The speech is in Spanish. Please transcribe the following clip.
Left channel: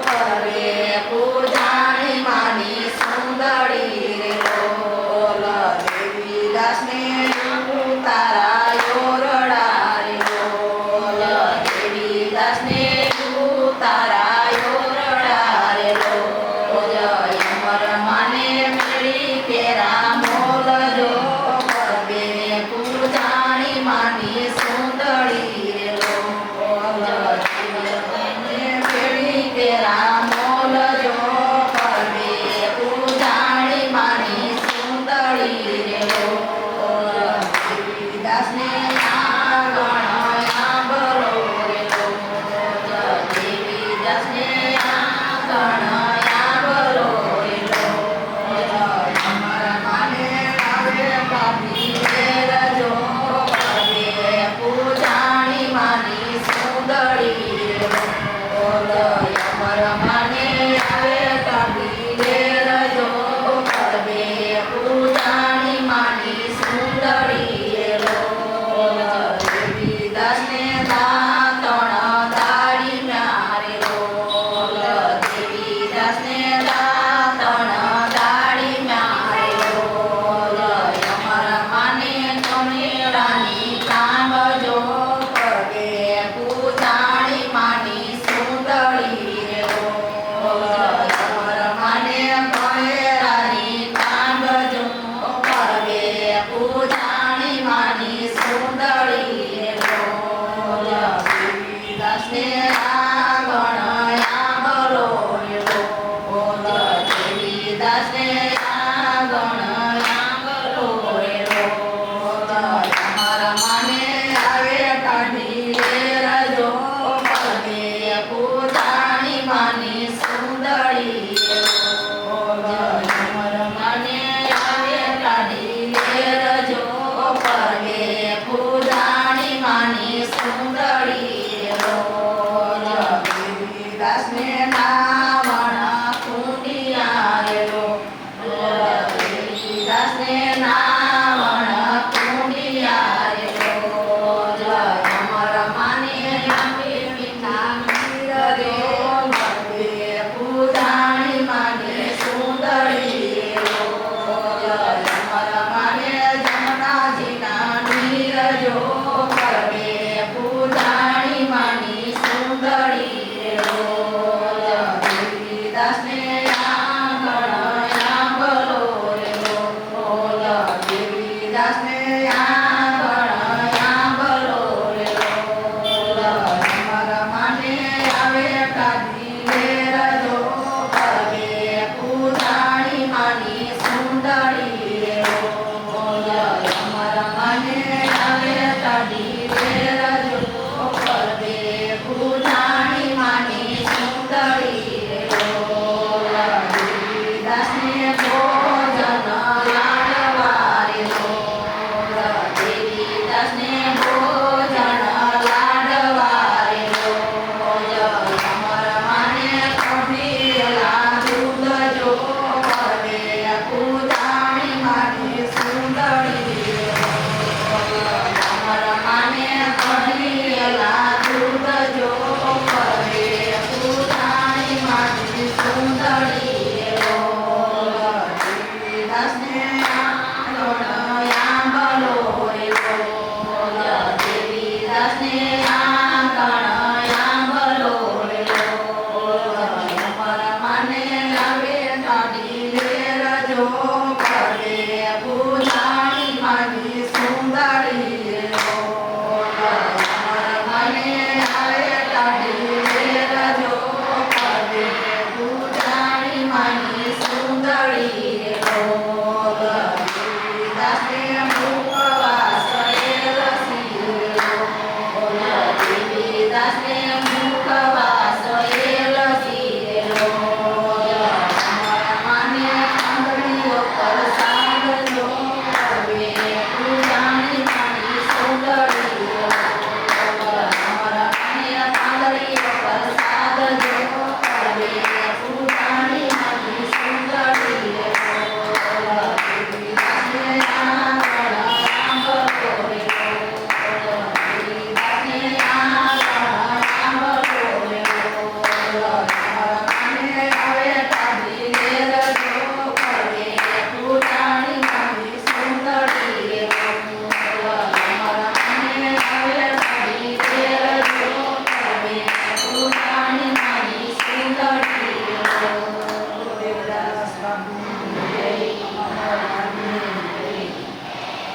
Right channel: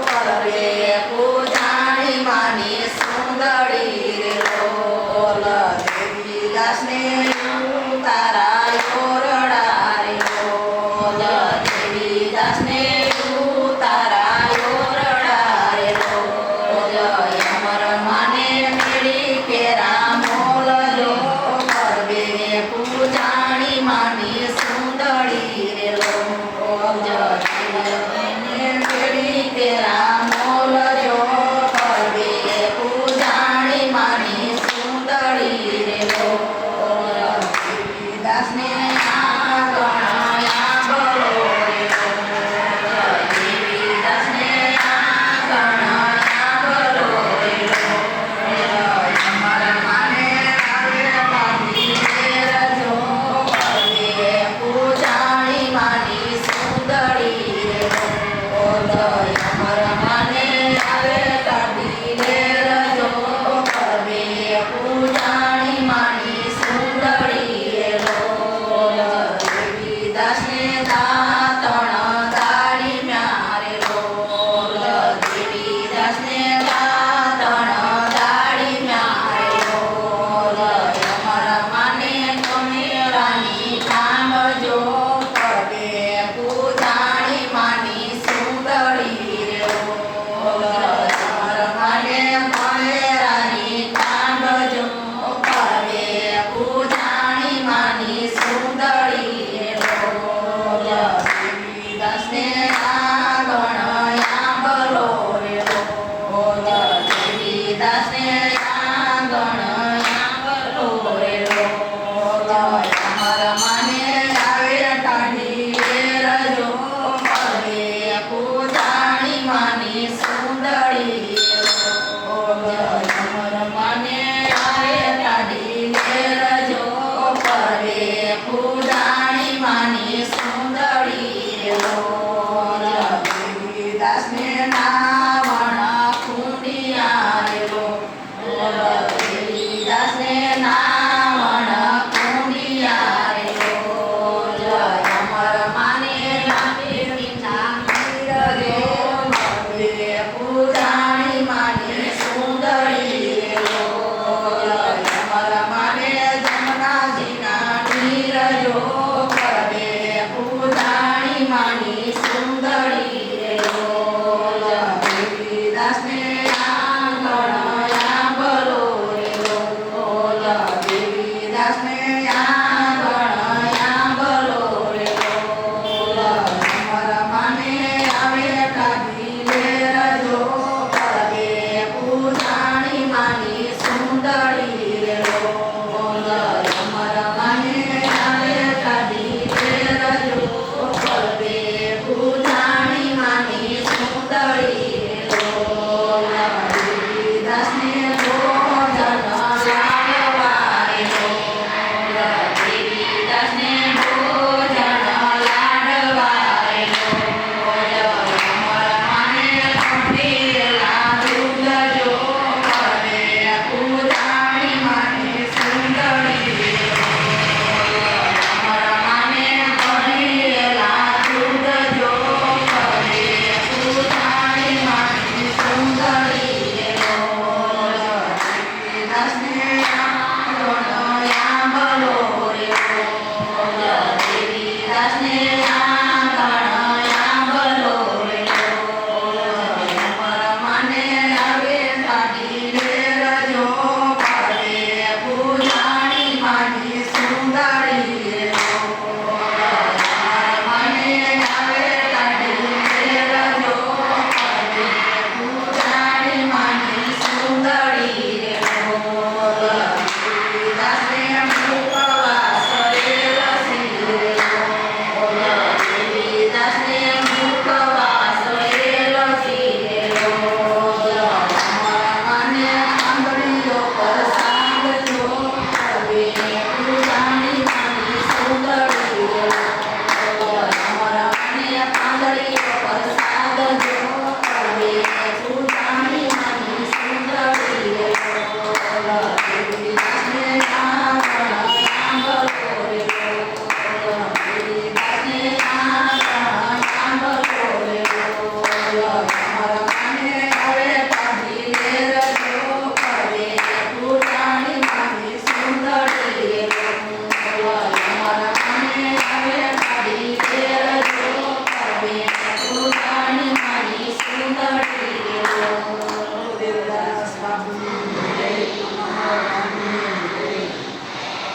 para